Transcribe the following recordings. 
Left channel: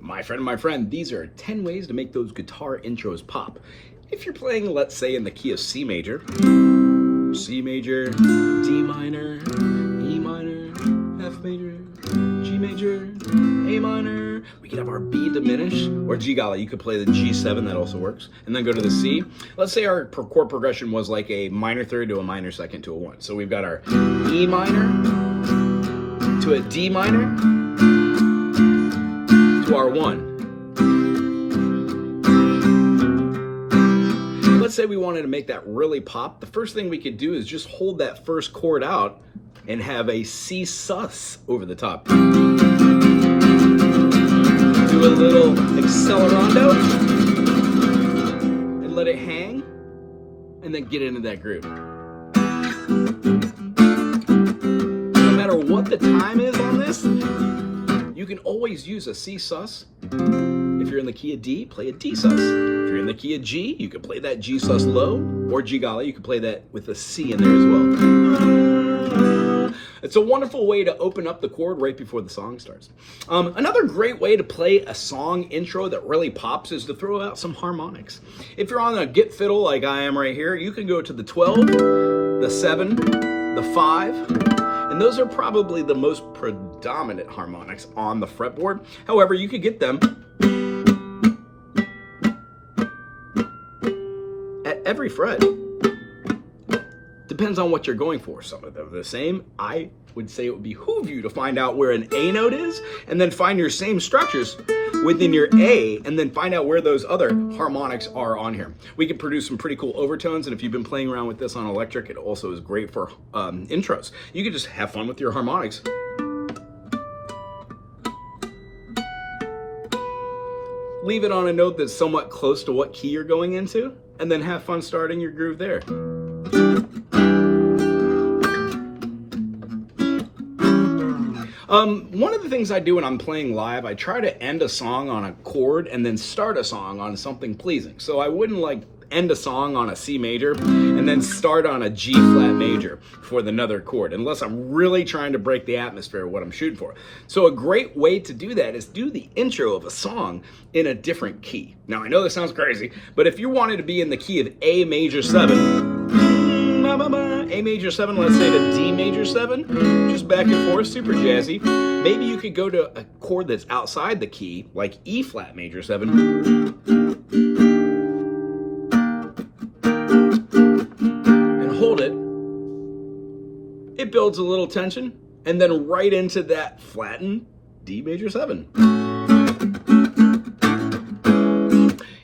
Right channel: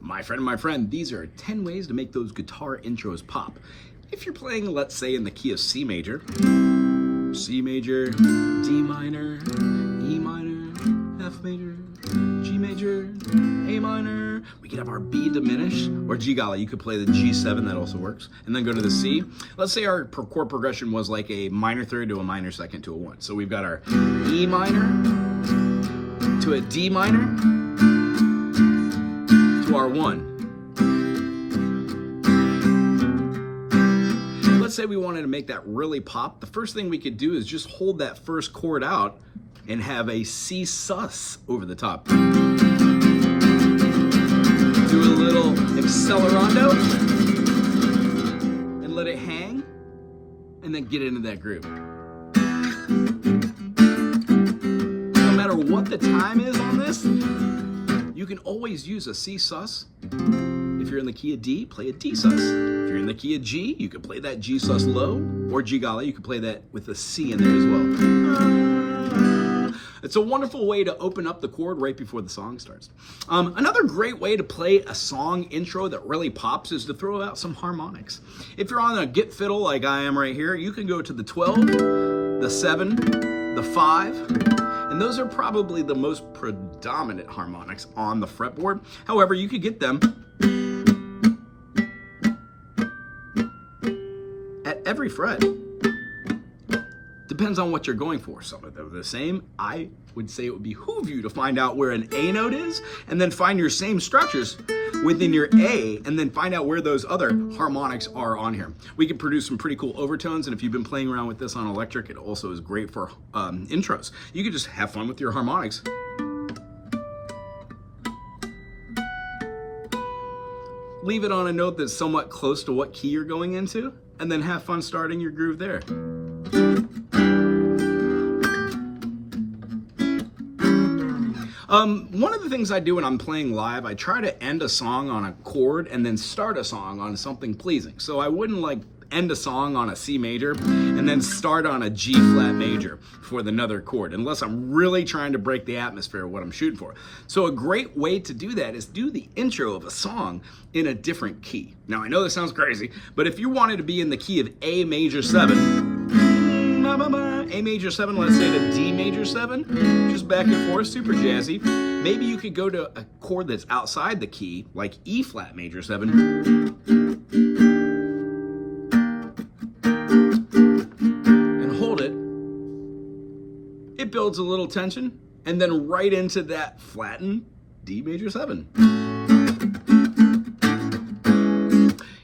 My friend, these are 10 ways to make those guitar intros pop. If you're playing, let's say, in the key of C major, D minor, E minor, F major, G major, A minor, we could have our B diminish, or G golly, you could play the G7, that also works, and then go to the C. Let's say our chord progression was like a minor third to a minor second to a 1. So we've got our E minor to a D minor to our 1. Let's say we wanted to make that really pop. The first thing we could do is just hold that first chord out and have a C sus over the top. Do a little accelerando and let it hang, and then get into that groove. No matter what the time is on this, you can always use a C sus. If you're in the key of D, play a D sus. If you're in the key of G, you can play that G sus low, or G golly, you can play that with a C in there as well. It's a wonderful way to open up the chord right before the song starts. Another great way to play a song intro that really pops is to throw out some harmonics. If you're on a Git fiddle like I am right here, you can go to the 12, the 7, the 5, and those are probably the most predominant harmonics on the fretboard. However, you could get them at every fret. Depends on what you're going for. Some of them are the same. I would say it would behoove you to find out where an A note is, and then find your same structures within your A, and then find out where those other harmonics are on here. We can produce some pretty cool overtones, and if you've been playing around with this on electric, it also is great for intros. You can just have fun with your harmonics. Leave it on a note that's somewhat close to what key you're going into, and then have fun starting your groove there. One of the things I do when I'm playing live, I try to end a song on a chord and then start a song on something pleasing. So I wouldn't like end a song on a C major and then start on a G flat major for another chord, unless I'm really trying to break the atmosphere of what I'm shooting for. So a great way to do that is do the intro of a song in a different key. Now I know this sounds crazy, but if you wanted to be in the key of A major 7, A major 7, let's say to D major 7, just back and forth, super jazzy. Maybe you could go to a chord that's outside the key, like E flat major 7, and hold it. It builds a little tension, and then right into that flattened D major 7.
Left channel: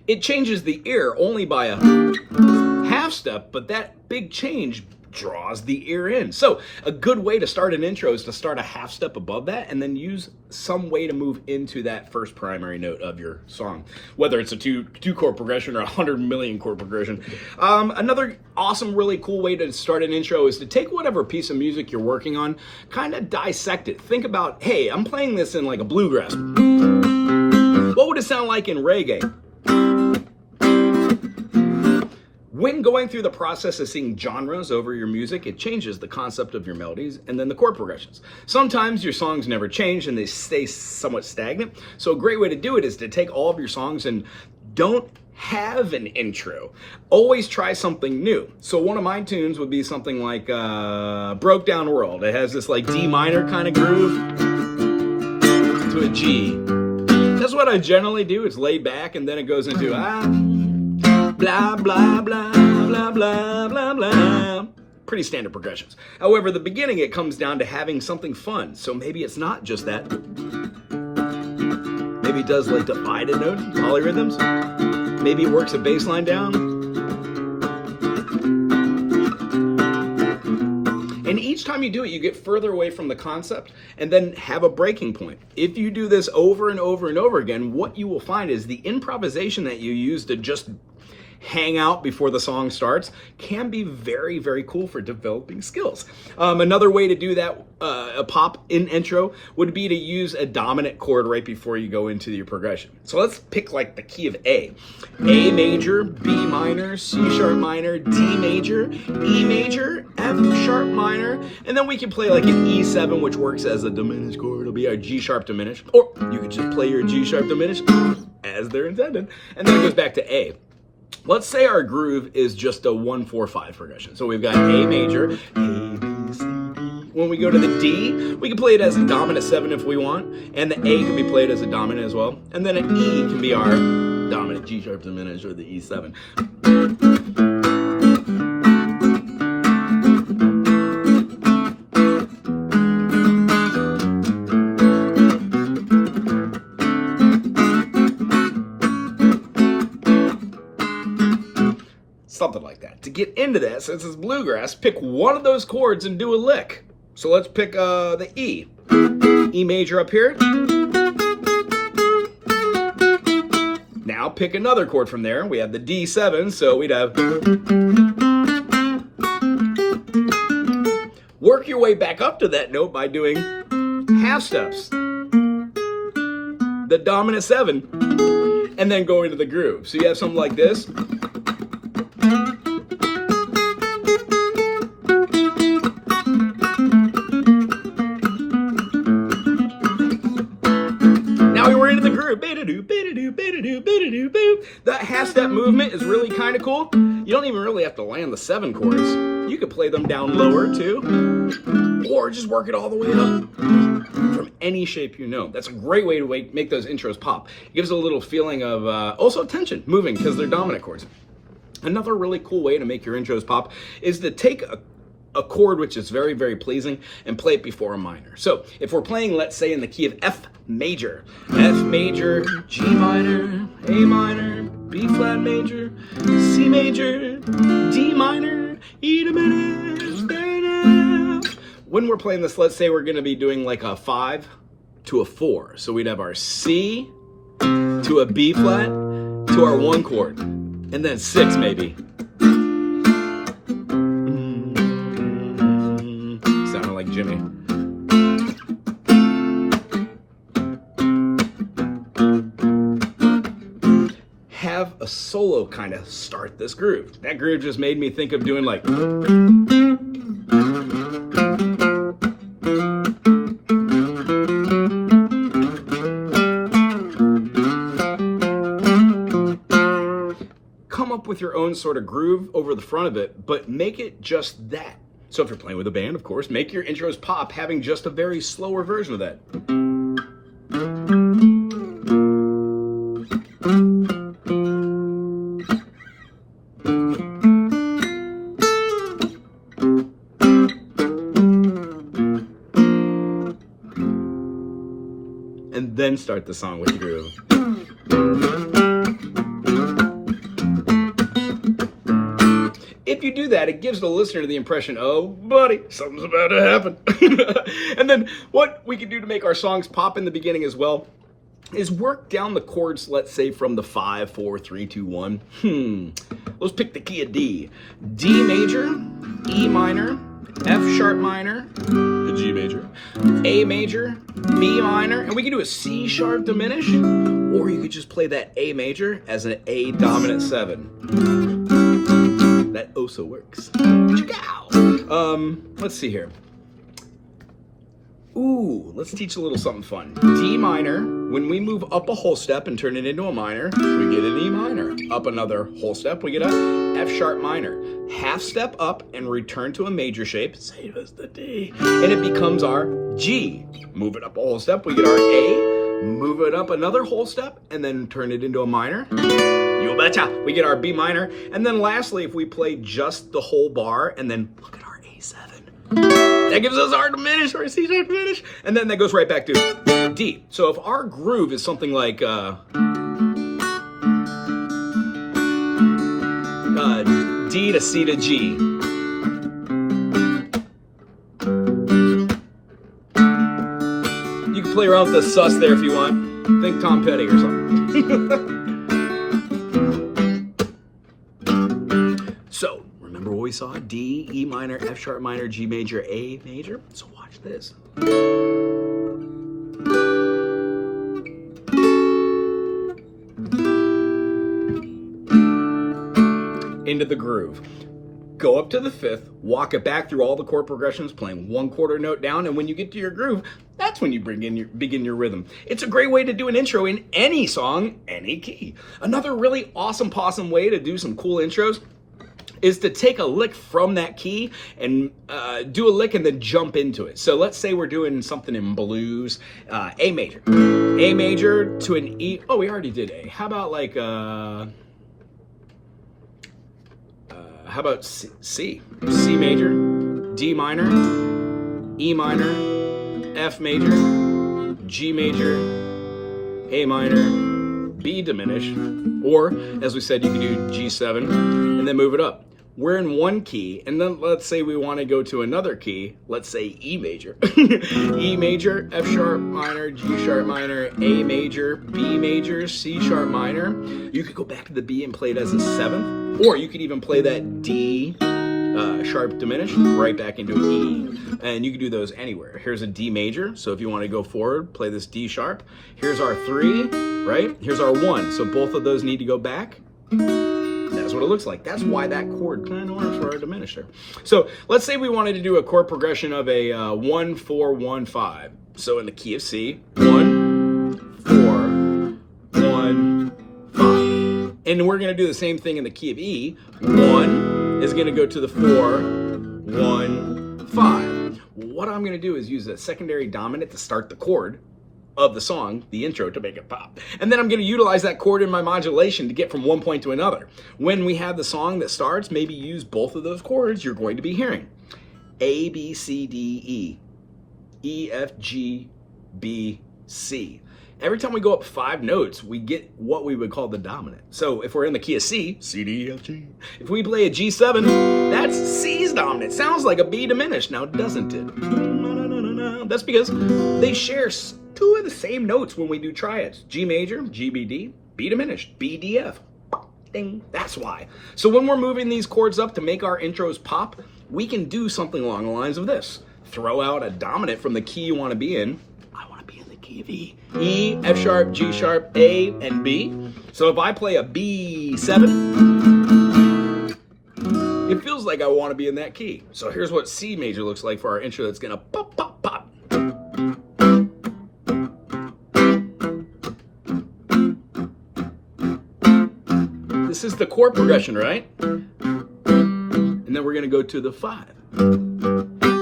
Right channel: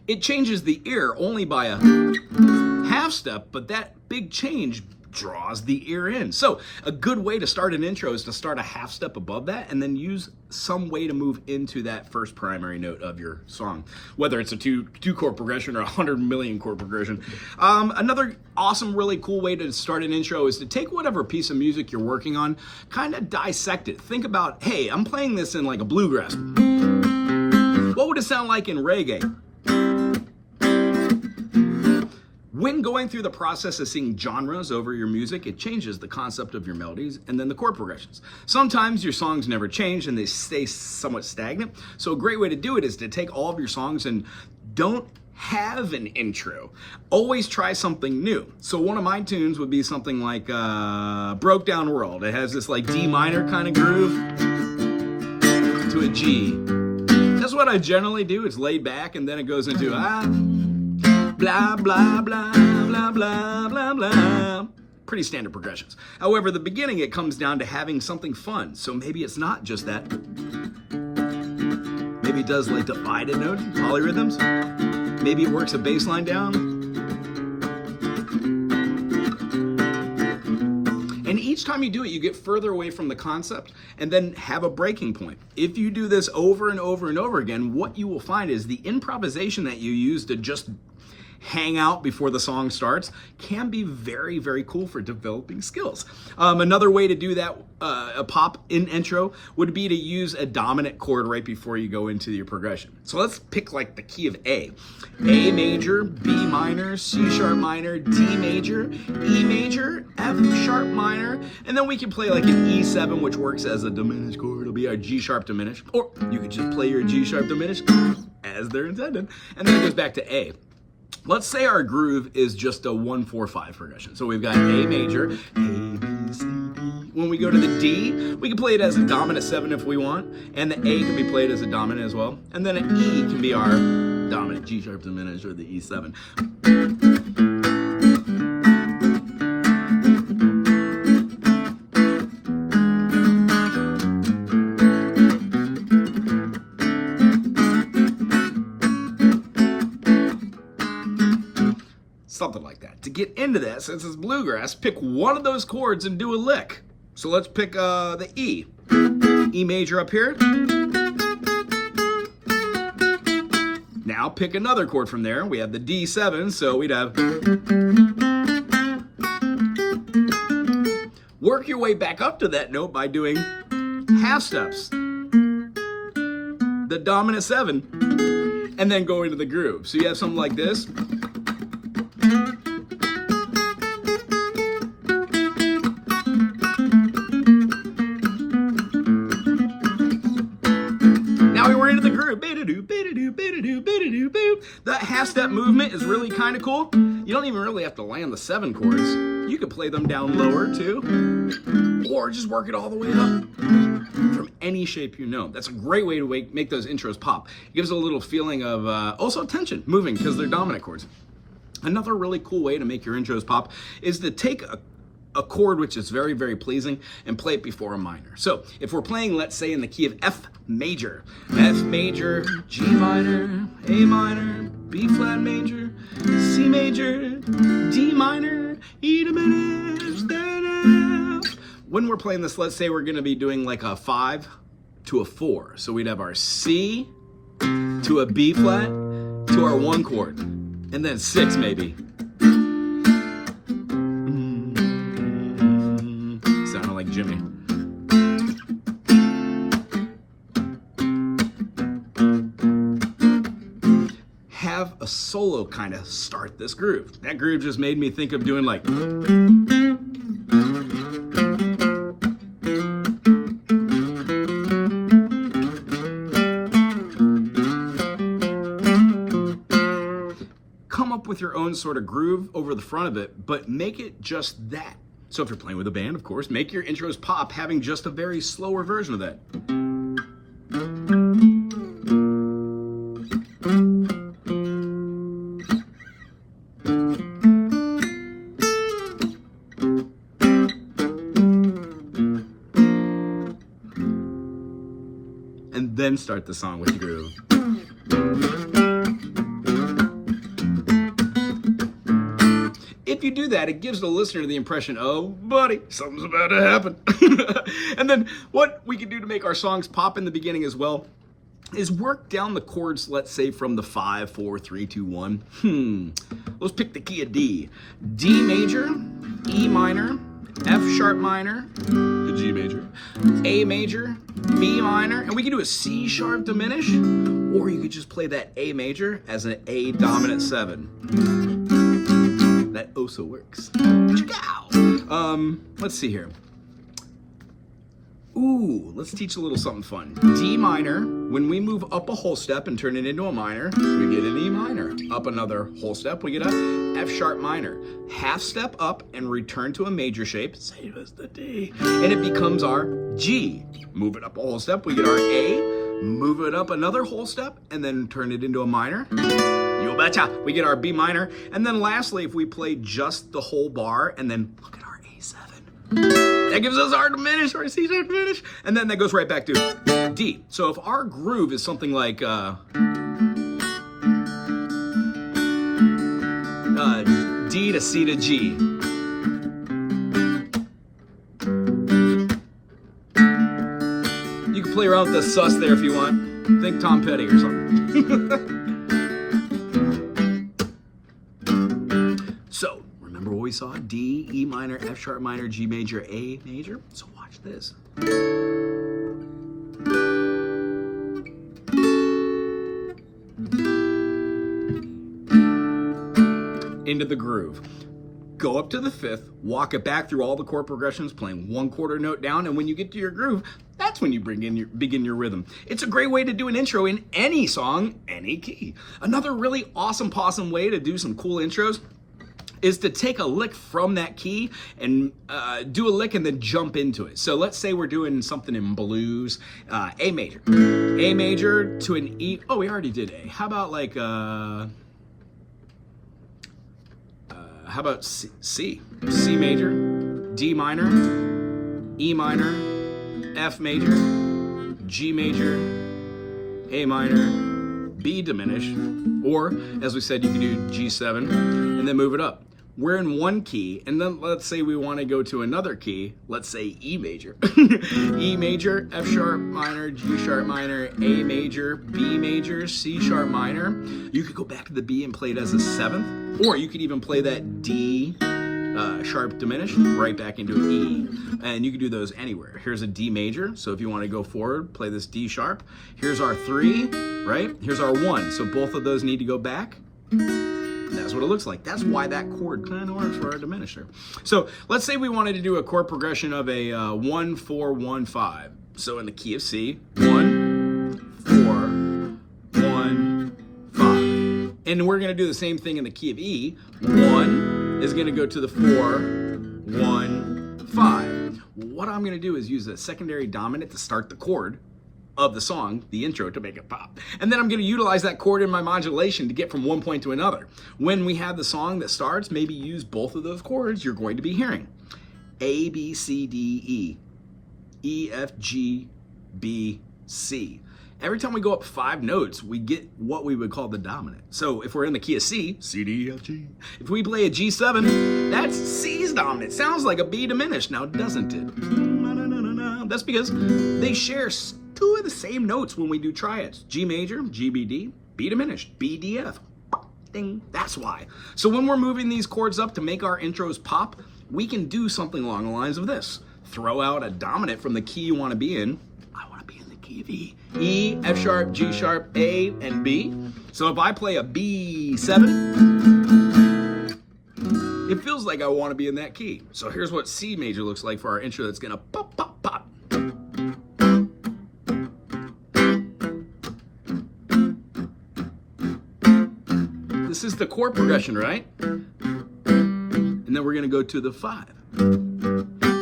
It changes the ear only by a half step, but that big change draws the ear in. So a good way to start an intro is to start a half step above that and then use some way to move into that first primary note of your song, whether it's a two chord progression or 100 million chord progression. Another awesome, really cool way to start an intro is to take whatever piece of music you're working on, kind of dissect it. Think about, hey, I'm playing this in like a bluegrass. What would it sound like in reggae? When going through the process of seeing genres over your music, it changes the concept of your melodies and then the chord progressions. Sometimes your songs never change and they stay somewhat stagnant. So a great way to do it is to take all of your songs and don't have an intro. Always try something new. So one of my tunes would be something like Broke Down World. It has this like D minor kind of groove to a G. That's what I generally do. It's laid back and then it goes into blah, blah, blah, blah, blah, blah, blah. Pretty standard progressions. However, the beginning, it comes down to having something fun. So maybe it's not just that. Maybe it does like divided notes, polyrhythms. Maybe it works a bass line down. And each time you do it, you get further away from the concept and then have a breaking point. If you do this over and over and over again, what you will find is the improvisation that you use to just hang out before the song starts can be very, very cool for developing skills. Another way to do that, a pop in intro, would be to use a dominant chord right before you go into your progression. So let's pick like the key of A. A major, B minor, C sharp minor, D major, E major, F sharp minor, and then we can play like an E7, which works as a diminished chord. It'll be our G sharp diminished, or you could just play your G sharp diminished as they're intended, and then it goes back to A. Let's say our groove is just a 1-4-5 progression. So we've got A major, A, B, C, D. When we go to the D, we can play it as a dominant 7 if we want, and the A can be played as a dominant as well, and then an E can be our dominant G sharp diminished or the E7. Something like that. To get into that, since it's bluegrass, pick one of those chords and do a lick. So let's pick the E. E major up here. Now pick another chord from there. We have the D7, so we'd have... Work your way back up to that note by doing half steps. The dominant 7, and then go into the groove. So you have something like this. Now we're into the groove. That half-step movement is really kind of cool. You don't even really have to land the 7 chords. You could play them down lower too, or just work it all the way up from any shape you know. That's a great way to make those intros pop. It gives a little feeling of also tension, moving, because they're dominant chords. Another really cool way to make your intros pop is to take a chord which is very, very pleasing and play it before a minor. So if we're playing, let's say, in the key of F major, G minor, A minor, B flat major, C major, D minor, E diminished, then F. When we're playing this, let's say we're gonna be doing like a 5 to a 4. So we'd have our C to a B flat to our 1 chord, and then 6 maybe. Sounding like Jimmy. Have a solo kind of start this groove. That groove just made me think of doing like... Come up with your own sort of groove over the front of it, but make it just that. So if you're playing with a band, of course, make your intros pop having just a very slower version of that. And then start the song with the groove. If you do that, it gives the listener the impression, oh, buddy, something's about to happen. And then what we can do to make our songs pop in the beginning as well is work down the chords, let's say, from the 5, 4, 3, 2, 1. Let's pick the key of D. D major, E minor, F sharp minor, the G major, A major, B minor, and we can do a C sharp diminish, or you could just play that A major as an A dominant 7. That also works. Let's see here. Ooh, let's teach a little something fun. D minor, when we move up a whole step and turn it into a minor, we get an E minor. Up another whole step, we get a F sharp minor. Half step up and return to a major shape, same as the D, and it becomes our G. Move it up a whole step, we get our A, move it up another whole step, and then turn it into a minor. You betcha. We get our B minor. And then lastly, if we play just the whole bar and then look at our A7, that gives us our diminished or C sharp diminished. And then that goes right back to D. So if our groove is something like D to C to G. You can play around with the sus there if you want. Think Tom Petty or something. we saw D, E minor, F sharp minor, G major, A major. So watch this. Into the groove. Go up to the fifth, walk it back through all the chord progressions, playing 1/4 note down, and when you get to your groove, that's when you begin your rhythm. It's a great way to do an intro in any song, any key. Another really awesome possum way to do some cool intros is to take a lick from that key and do a lick and then jump into it. So let's say we're doing something in blues, A major. A major to an E. Oh, we already did A. How about like... how about C? C major, D minor, E minor, F major, G major, A minor, B diminished, or as we said, you could do G7 and then move it up. We're in one key, and then let's say we want to go to another key, let's say E major. E major, F sharp minor, G sharp minor, A major, B major, C sharp minor. You could go back to the B and play it as a 7th, or you could even play that D sharp diminished right back into an E. And you can do those anywhere. Here's a D major, so if you want to go forward, play this D sharp. Here's our 3, right? Here's our 1, so both of those need to go back. That's what it looks like. That's why that chord kind of works for our diminisher. So let's say we wanted to do a chord progression of a 1, 4, 1, 5. So in the key of C, 1, 4, 1, 5. And we're going to do the same thing in the key of E. 1 is going to go to the 4, 1, 5. What I'm going to do is use a secondary dominant to start the chord of the song, the intro, to make it pop. And then I'm going to utilize that chord in my modulation to get from one point to another. When we have the song that starts, maybe use both of those chords you're going to be hearing. A, B, C, D, E. E, F, G, B, C. Every time we go up 5 notes, we get what we would call the dominant. So if we're in the key of C, C, D, F, G. If we play a G7, that's C's dominant. Sounds like a B diminished, now doesn't it? That's because they share 2 of the same notes when we do triads. G major, G, B, D, B diminished, B, D, F. Ding, that's why. So when we're moving these chords up to make our intros pop, we can do something along the lines of this. Throw out a dominant from the key you want to be in. I want to be in the key of E. E, F sharp, G sharp, A, and B. So if I play a B7, it feels like I want to be in that key. So here's what C major looks like for our intro that's going to pop, pop, pop. This is the chord progression, right? And then we're going to go to the 5.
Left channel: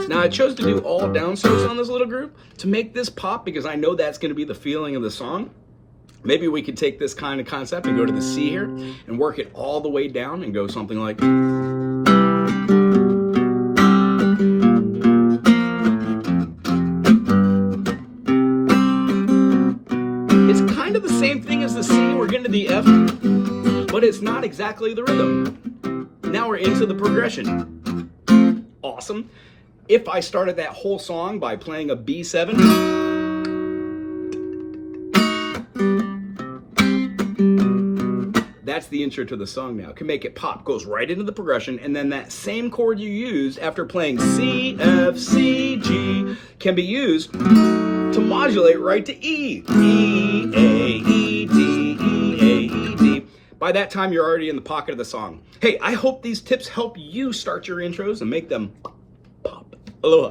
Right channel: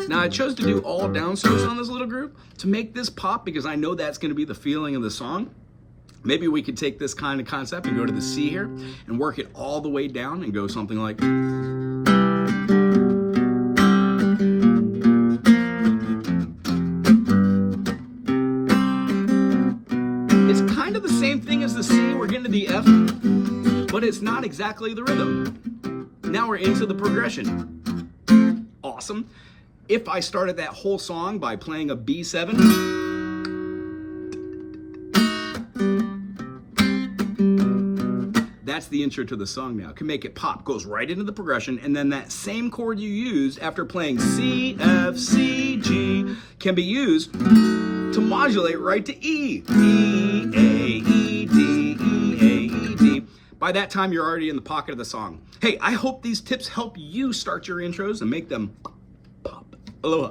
Now I chose to do all downstrokes on this little group to make this pop because I know that's going to be the feeling of the song. Maybe we could take this kind of concept and go to the C here and work it all the way down and go something like... It's kind of the same thing as the C. We're getting to the F, but it's not exactly the rhythm. Now we're into the progression. Awesome. If I started that whole song by playing a B7, that's the intro to the song now. Can make it pop, goes right into the progression, and then that same chord you used after playing C, F, C, G can be used to modulate right to E. E, A, E, D, E, A, E, D. By that time, you're already in the pocket of the song. Hey, I hope these tips help you start your intros and make them pop. Aloha.